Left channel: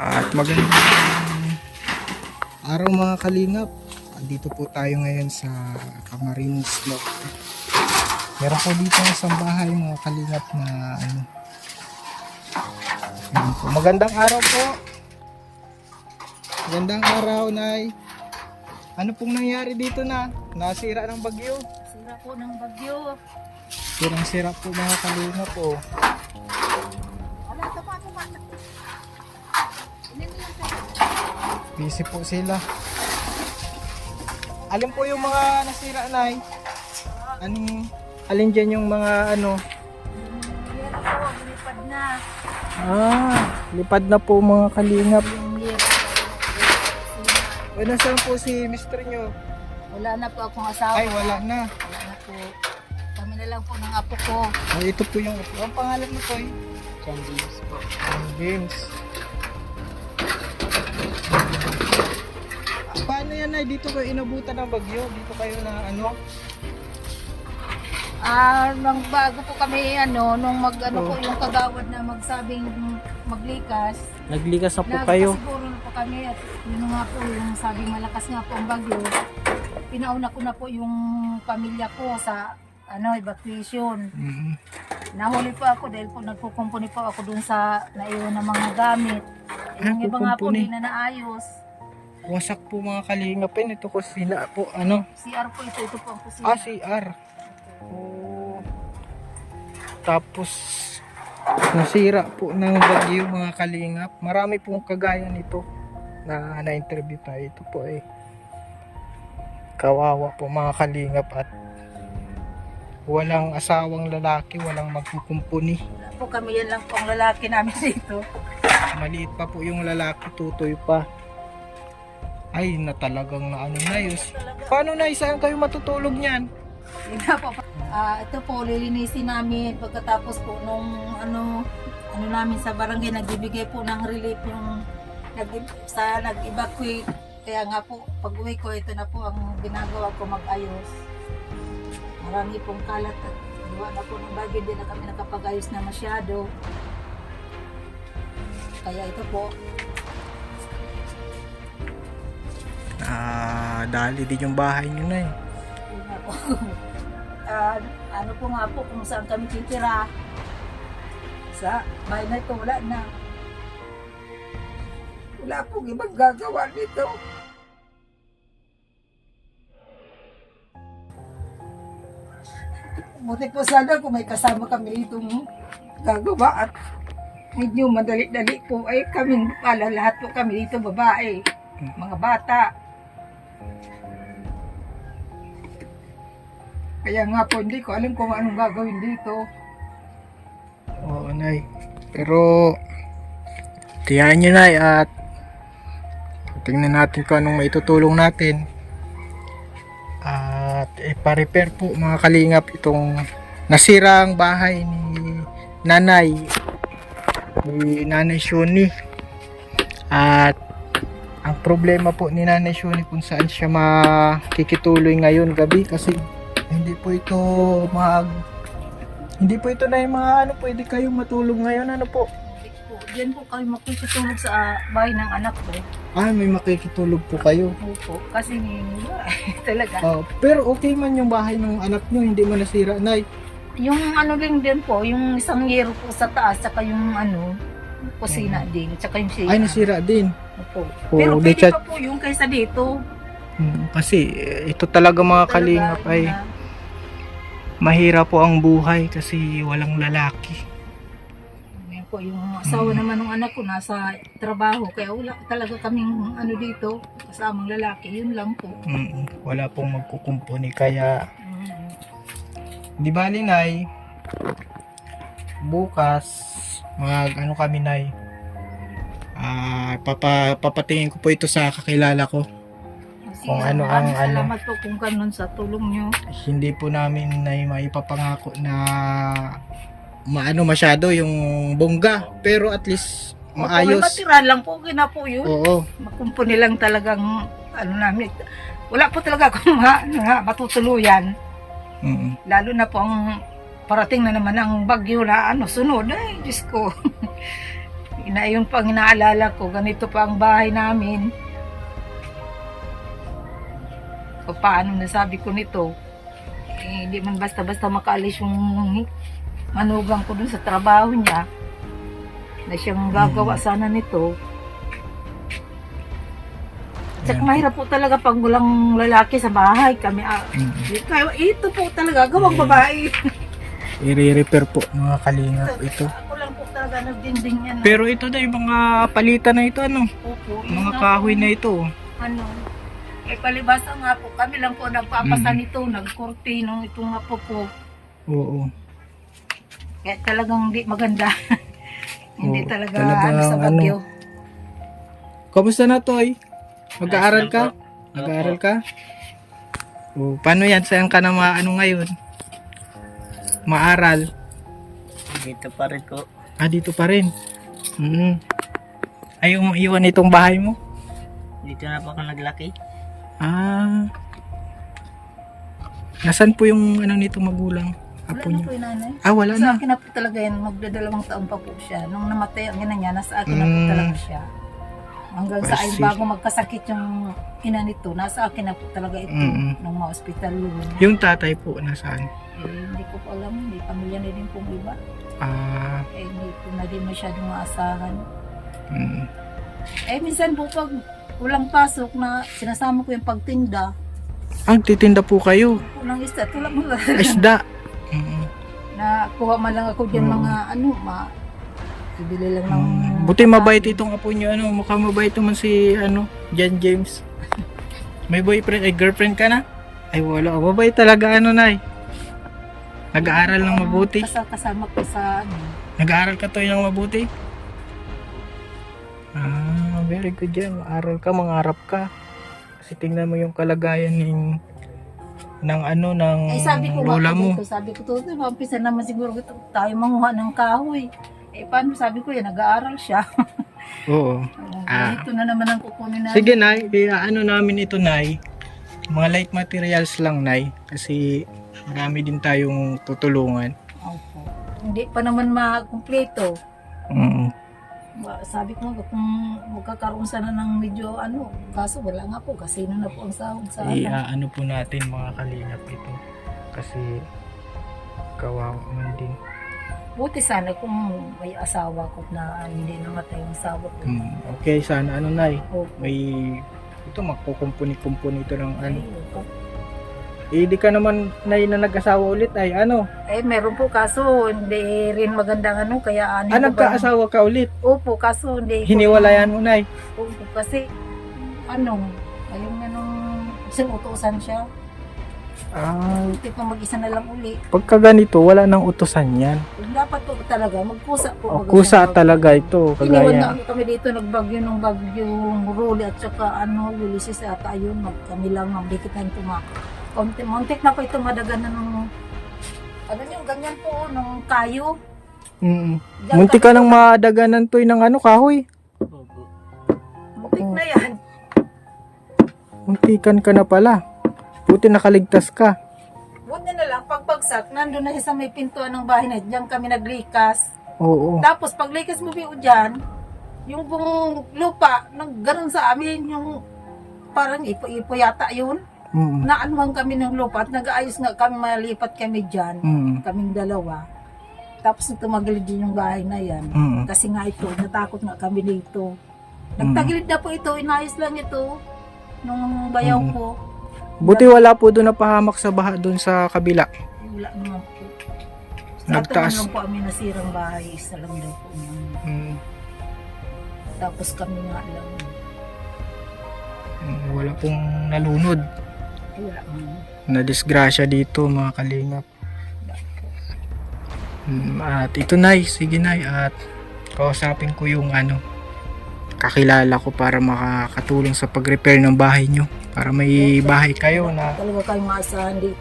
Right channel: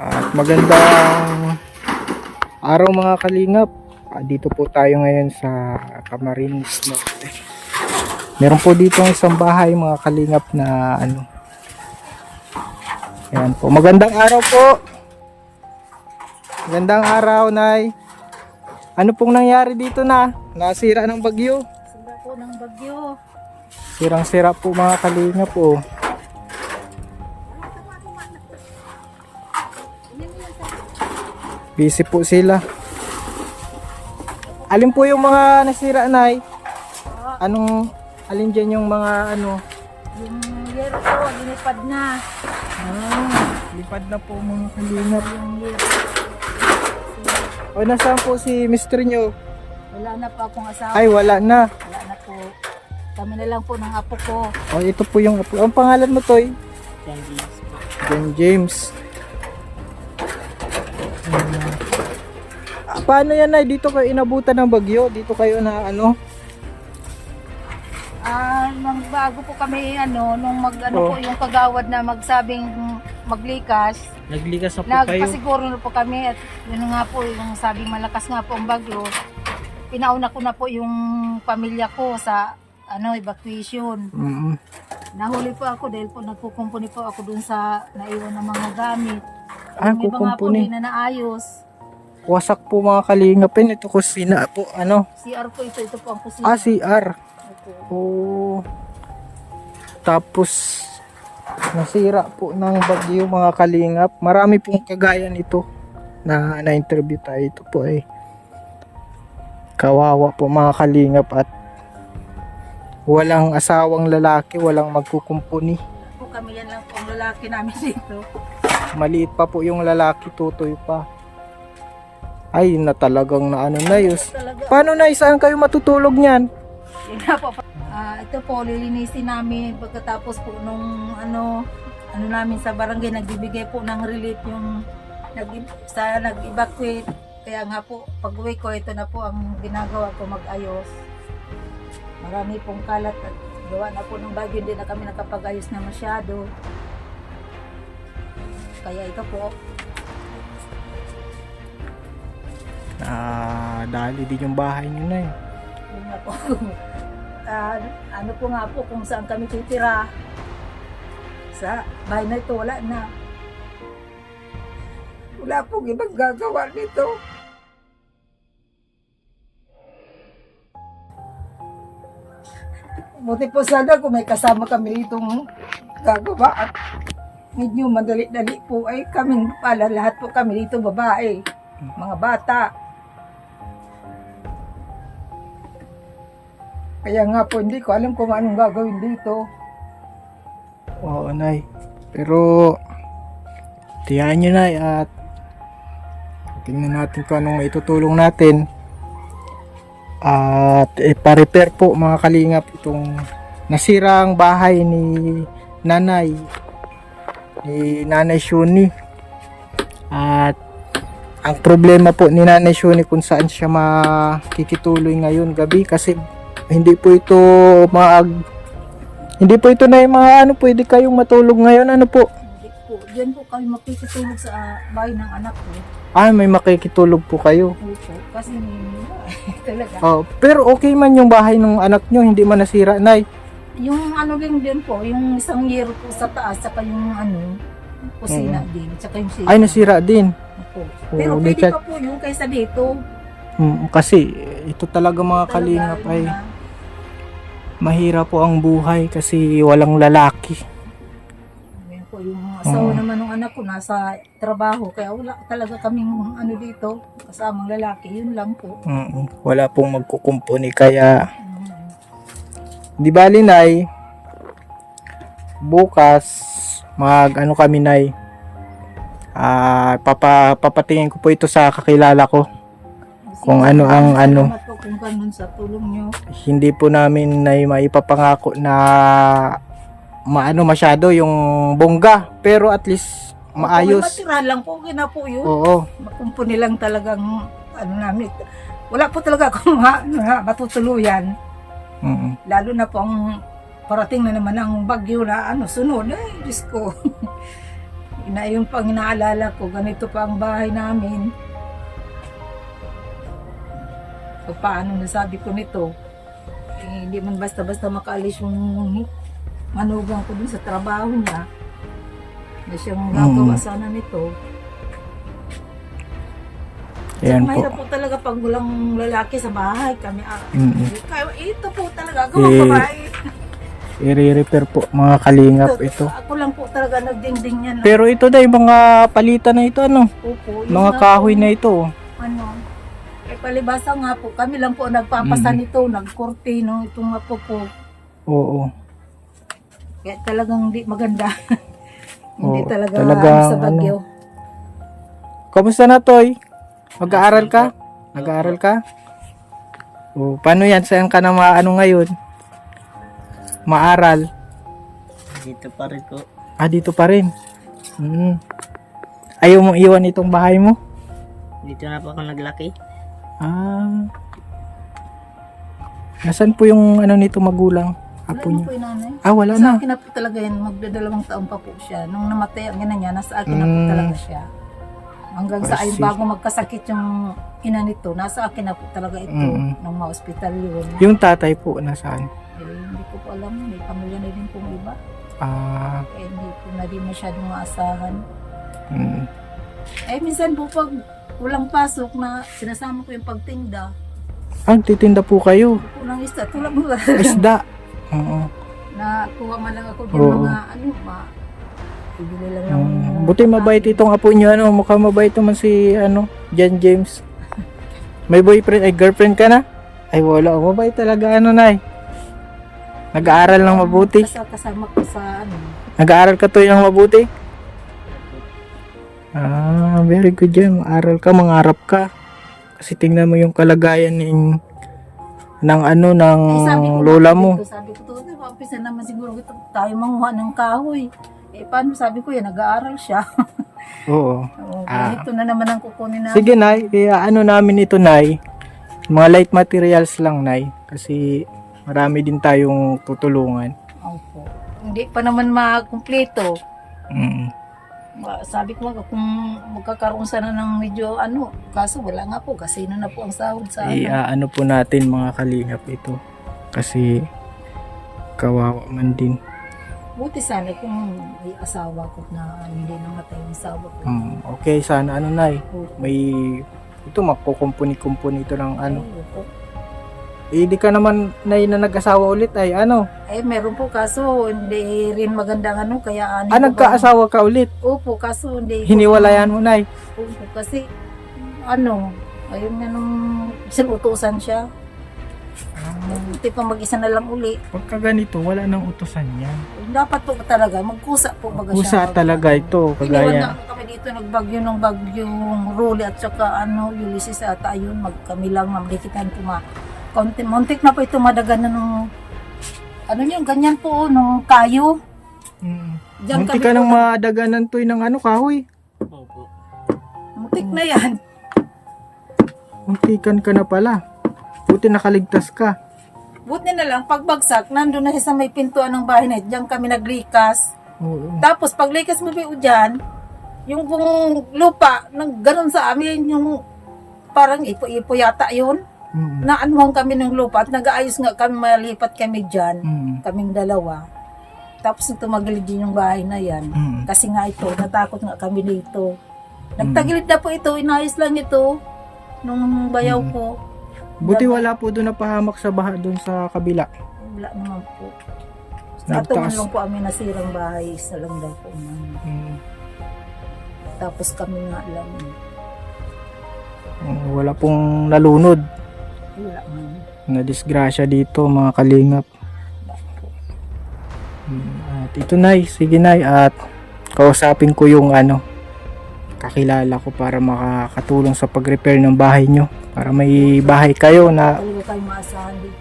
At magandang araw mga kalingap. Dito po tayo ngayon sa Camarines Norte. Meron po dito isang bahay mga kalingap na ano. Ayan po. Magandang araw po. Magandang araw, Nay. Ano pong nangyari dito na? Nasira ng bagyo? Sira po ng bagyo. Sirang-sira po mga kalingap po. Busy po sila. Alin po yung mga nasira, Nay? Alin dyan yung mga ano? Yung year po, linipad na. Lipad na po mga kalingap. Yung year. O nasaan po si Mr. nyo? Wala na po akong asawa. Ay wala na. Wala na po. Kami na lang po ng apo ko. O ito po yung apo. Ang pangalan mo, Toy? John James po. John James. Paano yan, Nay? Dito kayo inabutan ng bagyo? Dito kayo na ano? Nang bago po kami nung po yung kagawad na magsabing maglikas. Naglikas na po kayo? Nagpasiguro na po kami at yun nga po yung sabing malakas nga po ang bagyo. Pinauna ko na po yung pamilya ko sa evacuation. Nahuli po ako dahil po nagkukumpuni po ako dun sa naiwan ng mga gamit. Yung iba nga po hindi na naayos. Wasak po mga kalingapin. Ito kusina po. Ano? CR po ito po ang kusina. CR. Oh. Tapos nasira po ng bagyo mga kalingap. Marami pong kagaya nito na na-interview tayo. Ito po ay kawawa po mga kalingap at walang asawang lalaki, walang magkukumpuni. Po kami yan lang po ang lalaki namin dito. Maliit pa po yung lalaki, tutoy pa. Ay na talagang na ano na yus. Paano na saan kayo matutulog niyan? Yun nga po. Ito po lilinisin namin pagkatapos po nung ano namin sa barangay nagbibigay po ng relief yung nag-evacuate. Kaya nga po pag-uwi ko ito na po ang ginagawa ko, mag-ayos. Marami pong kalat at gawa na po ng bagyo, hindi na kami nakapag-ayos na masyado. Kaya ito po. Dali din yung bahay nyo na eh. Yun nga po. Ano po nga po kung saan kami titira. Sa bahay na ito, wala na. Wala pong ibang gagawa dito. Buti po sana kung may kasama kami itong gagawa at medyo madali-dali po ay kaming pala lahat po kami dito babae, mga bata. Kaya nga po hindi ko alam kung anong gagawin dito. Oo, Nay. Pero tiyahan nyo, Nay, at tingnan natin kung anong maitutulong natin. At ipa-repair po mga kalingap itong nasirang bahay ni Nanay Shuni. At ang problema po ni Nanay Shuni kung saan siya makikituloy ngayon gabi kasi hindi po ito na yung mga pwede kayong matulog ngayon, ano po? Diyan po kayo makikitulog sa bahay ng anak ko. May makikitulog po kayo. Opo, kasi talaga. Pero okay man yung bahay ng anak nyo, hindi man nasira, Nay. Yung lang din po, yung isang yero po sa taas, saka yung kusina din, saka yung sila. Ay, nasira din. Opo. Pero pwede pa po yung kaysa dito. Kasi ito talaga mga kalingap ay mahirap po ang buhay kasi walang lalaki. Yan po yung asawa naman ng anak ko nasa trabaho, kaya wala talaga kaming dito, kasamang lalaki, yun lang po. Wala pong magkukumpuni kaya di bali, Nay, bukas kami, Nay, papatingin ko po ito sa kakilala ko kung ano ang Salamat po kung ganun sa tulong nyo. Hindi po namin na maipapangako na masyado yung bongga, pero at least maayos. Matira lang po, na po yun. Oo. Makumpuni lang talagang namin. Wala po talaga akong matutuluyan. Lalo na po ang parating na naman ang bagyo na sunod. Ay, Diyos ko. Yun pa ang inaalala ko, ganito pa ang bahay namin. O paano nasabi ko nito, hindi man basta-basta makaalis yung manugang ko dun sa trabaho niya na siyang gagawa sana nito. Yan po. Mahirap po talaga pag walang lalaki sa bahay. Kami, kaya ito po talaga, gawang babae. I-repair po mga kalingap ito. Ako lang po talaga nagdinding yan. Pero ito na yung mga palitan na ito, ano? Opo, yun Mga nga kahoy po, na ito. ano, palibasa nga po, kami lang po nagpapasa nito, nagkorte, no, ito nga po po. Oo. Kaya talagang hindi maganda. Hindi Oo, talaga talagang sa bagyo. Kamusta na, Toy? Mag-aaral ka? Nag-aaral ka? O, paano yan? Saan ka na maano ngayon? Maaral? Dito pa rin po. Ah, dito pa rin. Ayaw mong iwan itong bahay mo? Dito na po ako naglaki. Ah. Nasaan po yung ano nito magulang? Wala Apo na niyo? po yung nanay. Ah, wala Sa na. akin na po talaga yan, magdadalawang taon pa po siya. Nung namatay ang ina niya, nasa akin na po talaga siya. Hanggang sa I ay see. bago magkasakit yung ina nito, nasa akin na po talaga ito. Nung ma-hospital yun. Yung tatay po nasaan? Hindi ko po alam, may pamilya na din pong iba. Ah. Hindi ko na din masyadong maasahan. Mm. Minsan po pag walang pasok na sinasama ko yung pagtinda, Ang titinda po kayo. kulang isda, tulad mo Isda. Oo. na kuha man lang ako din Oo. mga ibili lang ng Buti mabait itong apo niyo, ano, mukhang mabait naman si ano, John James. May boyfriend, ay girlfriend ka na? Ay wala, mabait talaga ano, Nay. Nag-aaral ng mabuti. kasama ko sa Nag-aaral ka to ng mabuti? Ah, very good yan. Aral ka, mangarap ka. Kasi tingnan mo yung kalagayan ng ano, ng sabi ko lola nga mo. dito, sabi ko to, umpisa naman siguro tayo manguha ng kahoy. Paano sabi ko yan, nag-aaral siya. Oo. Ito na naman ang kukunin namin. Sige, Nay. Ano namin ito, Nay. Mga light materials lang, Nay. Kasi marami din tayong tutulungan. Opo. Hindi pa naman makumpleto. Mm. Sabi ko nga kung magkakaroon sana ng medyo kaso wala nga po kasi na po ang sahod sa Ano po natin mga kalingap ito. Kasi kawawa man din. Buti sana kung may asawa ko na hindi namatay yung asawa ko. Okay, sana ano, Nay. Opo. May ito magkukumpuni-kumpuni ito ng ano. Opo. Di ka naman, Nay, na nag-asawa ulit ay ano. Meron po kaso hindi rin magandang kaya Nagkaasawa ka ulit. Opo, kaso hindi ko- Hiniwalayan mo, Nay. Opo, kasi ayun nga nung sinutusan siya. Hindi pa mag-isa na lang uli. Pagka ganito, wala nang utusan yan. Dapat po talaga, magkusa po. Kusa talaga ito, Iniwan kagaya. na kami dito, nagbagyo ng bagyong Ruli at saka Ulysses ata yun, kami lang namdikitan po muntik na po ito madagan na ng ganyan po, nung kayo. Diyan Munti kami- ka nang madaganan to ng ano, kahoy. Opo. Muntik na yan. Muntikan ka na pala. Buti nakaligtas ka. Buti na lang, pagbagsak, nandun na siya sa may pintuan ng bahay na diyan kami naglikas. Oo. Tapos paglikas mo ba dyan, yung kung lupa, nang ganun sa amin, yung parang ipo-ipo yata yun. Naanuhan kami ng lupa at nag-aayos nga kami, malipat kami dyan, kaming dalawa. Tapos tumagilid din yung bahay na yan. Kasi nga ito, natakot nga kami dito. Nagtagilid na po ito, inayos lang ito nung bayaw ko. Buti wala po doon napahamak sa baha doon sa kabila. Wala naman po. Nagtaas. Nagtaas. Lang po kami nasirang bahay, isa lang daw po. Tapos kami nga lang. Wala pong nalunod. Wala man. Na disgrasya dito mga kalingap. At ito, Nay, sige, Nay, at kausapin ko yung kakilala ko para makakatulong sa pag-repair ng bahay nyo, para may bahay kayo na Talaga kayo maasahan dito.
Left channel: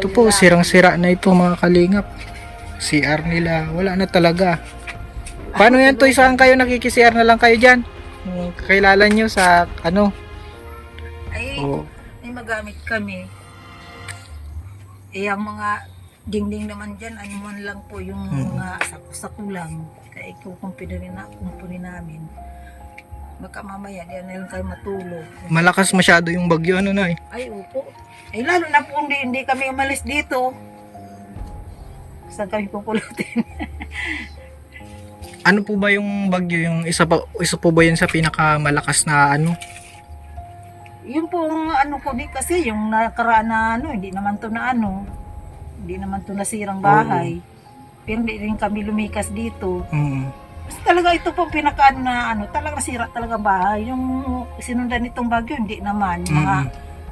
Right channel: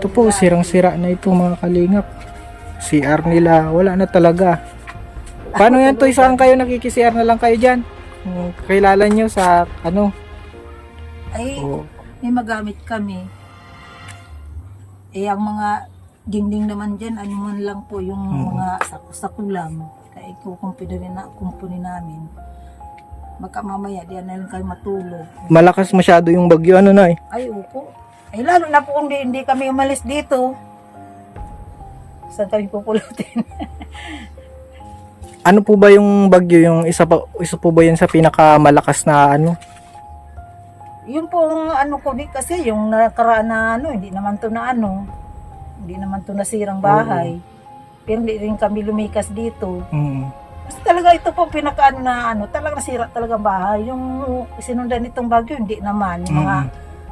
ito po, sirang-sira na ito mga kalingap. CR nila, wala na talaga. Paano yan, Toy? Saan kayo nakiki-CR na lang kayo dyan? Kakilala nyo sa Ay, may magamit kami. Ang mga dingding naman dyan, man lang po yung mga sakulang. ay kumpuni namin. Baka mamaya diyan na lang kayo matulog. Malakas masyado yung bagyo, ano Nay? Ay, opo. Ay, lalo na po kung hindi kami umalis dito. Saan kami pupulutin? Ano po ba yung bagyo, yung isa po ba yan sa pinakamalakas na ano? Yun pong ano ko di kasi yung nakaraan na ano, hindi naman to na ano. Hindi naman to nasirang bahay. Pero hindi rin kami lumikas dito. Kasi talaga ito po pinakaano na ano, talaga nasira talaga ang bahay. Yung sinundan nitong bagyo, hindi naman. Mga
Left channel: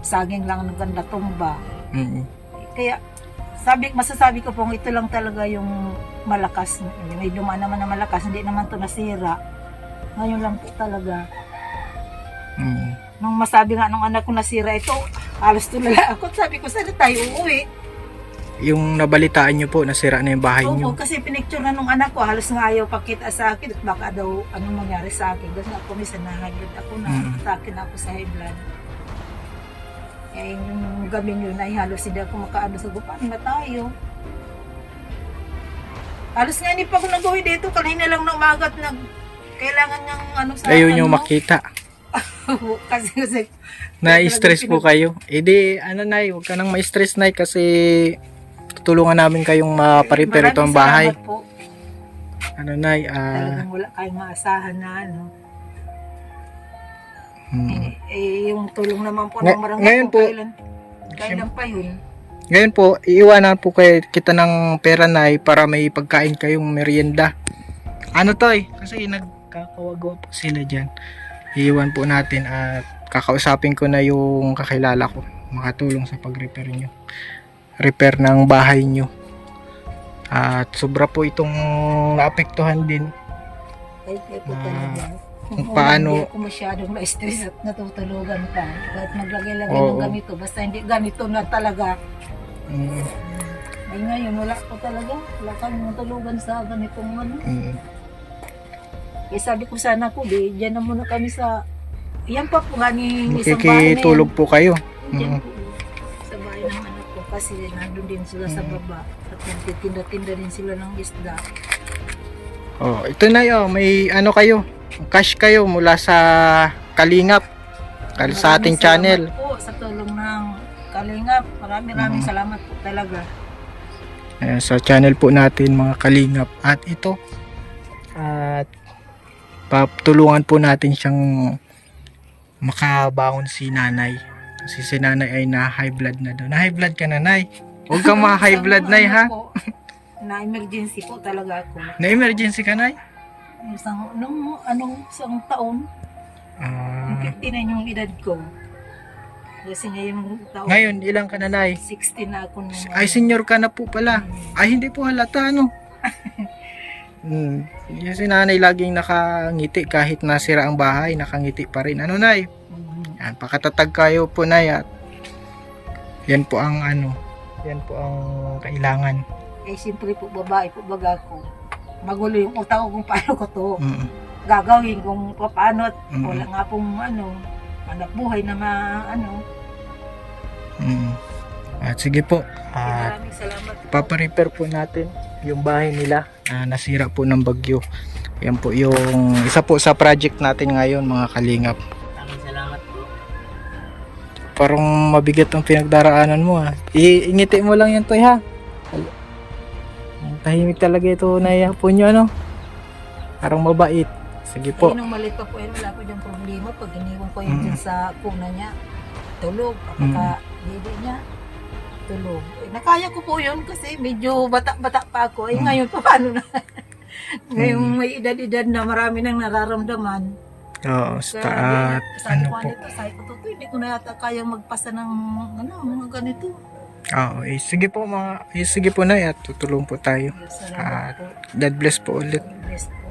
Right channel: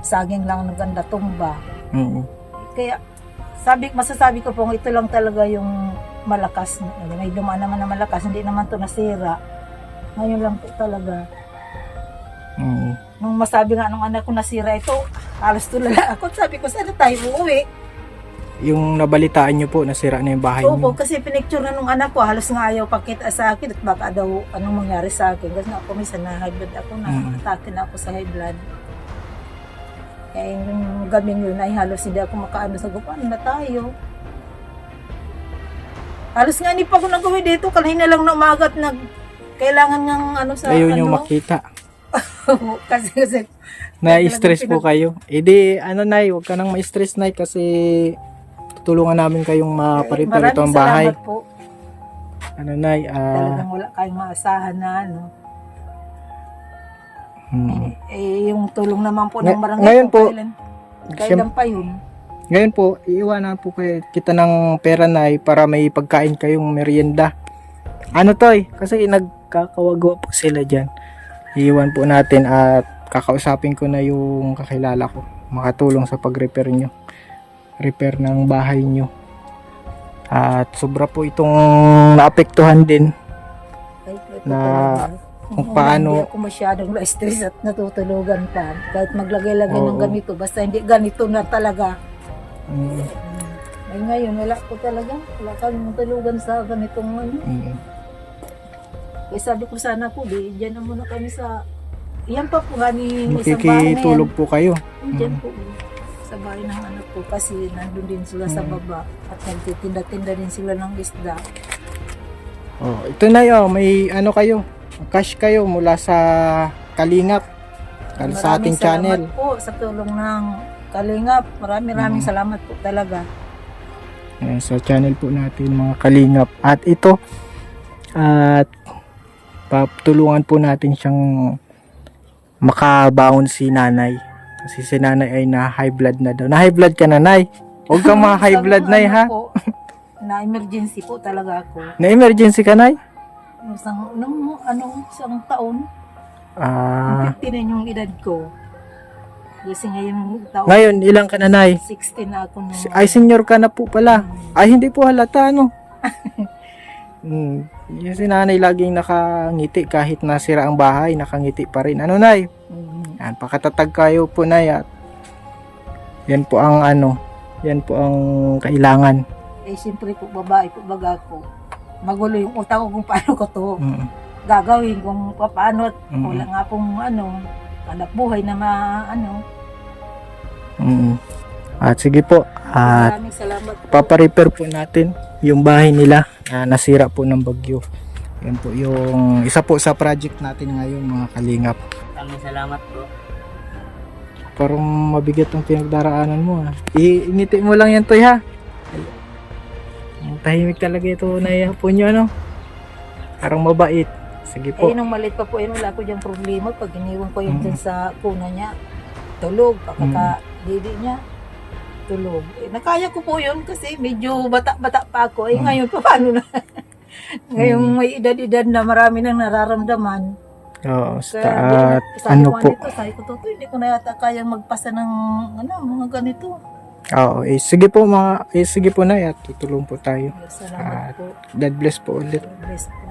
saging lang ng ganda tumba. Kaya masasabi ko po ito lang talaga yung malakas. May dumaan naman na malakas, hindi naman to nasira. Ngayon lang po talaga. Nung masabi nga nung anak ko nasira ito, halos tulala ako. Sabi ko, saan tayo uuwi? Yung nabalitaan nyo po, nasira na yung bahay Opo, nyo. kasi pinicture na nung anak ko, halos nga ayaw pakita sa akin at baka daw anong mangyari sa akin. Kasi nga ako minsan na high blood ako na, atake na ako sa high blood. Kaya yung gabing yun ay halos hindi ako makaano sa paano na tayo. Halos nga hindi pa ako nag-uwi dito, kanina lang na umaga at kailangan ng ano sa Ayaw nyo makita. kasi Na-stress po kayo. Eh di, ano Nay, huwag ka nang ma-stress Nay kasi tutulungan namin kayong maparepair ito ang bahay. Maraming salamat po. Ano Nay, Talagang wala kayong maasahan na ano. Yung tulong naman po ng barangay ngayon po, kailan pa yun? Ngayon po, iiwanan po kita ng pera Nay para may pagkain kayong merienda. Ano Toy? Kasi nagkakawagawa po sila dyan. Iiwan po natin at kakausapin ko na yung kakilala ko. Makatulong sa pag-repair nyo. Repair ng bahay nyo. At sobra po itong naapektuhan din. Na kung paano hindi ako masyadong na-stress at natutulugan pa. Kahit maglagay-lagay Oo. ng ganito. Basta hindi ganito na talaga. Ay ngayon, wala ko talaga. Wala kami matulugan sa ganitong ano. Kaya sabi ko sana ko, dyan na muna kami sa... Yan pa po nga ni isang bahay na yan. makikitulog po kayo. Diyan po. Sa bahay ng anak ko. Kasi nandun din sila sa baba. At nagtitinda-tinda din sila ng isda. Oh, ito na yun, may ano kayo, cash kayo mula sa Kalingap, sa ating channel. Maraming salamat po sa tulong ng Kalingap. Maraming salamat po talaga. Ayan, sa channel po natin mga Kalingap. At ito, at patulungan po natin siyang makabaon si nanay. Kasi si nanay ay na high blood na daw. Na high blood ka na, Nay. Huwag kang mga high blood, Nay, ha? Na emergency po talaga ako. Na emergency ka, Nay? Isang taon. 59 yung edad ko. Kasi ngayong taon. Ngayon, ilang ka na, Nay? 16 na ako nung... Ay, senior ka na po pala. Ay, hindi po halata, no? Yung si nanay laging nakangiti kahit nasira ang bahay, nakangiti pa rin. Ano, Nay? Yan, pakatatag kayo po, Nay. At yan po ang ano, yan po ang kailangan. Eh, siyempre po, babae po baga ko. Magulo yung utak ko kung paano ko to gagawin, kung paano. Wala nga pong anak buhay na At sige po, at Maraming salamat po. paparepair po natin yung bahay nila na nasira po ng bagyo. Yan po yung isa po sa project natin ngayon, mga Kalingap. Maraming salamat po. Parang mabigat ang pinagdaraanan mo, ha. Iingiti mo lang yan, Toy, ha. Tahimik talaga ito na po nyo, ano. Parang mabait. Sige po. Nung maliit pa po yun, wala ko diyang problema. Pag iniwan ko yun dyan sa kuna niya, tulog. Pagkaka-didi niya, tulog. Nakaya ko po yun kasi medyo bata-bata pa ako. Ngayon pa paano na? Ngayong may edad-edad na marami nang nararamdaman. Oo, Kaya, ano po. Sabi ko, Toto, hindi ko na yata kayang magpasa ng mga ganito. Oo, sige po sige po na at tutulong po tayo. Salamat po. God bless po ulit. Bless po.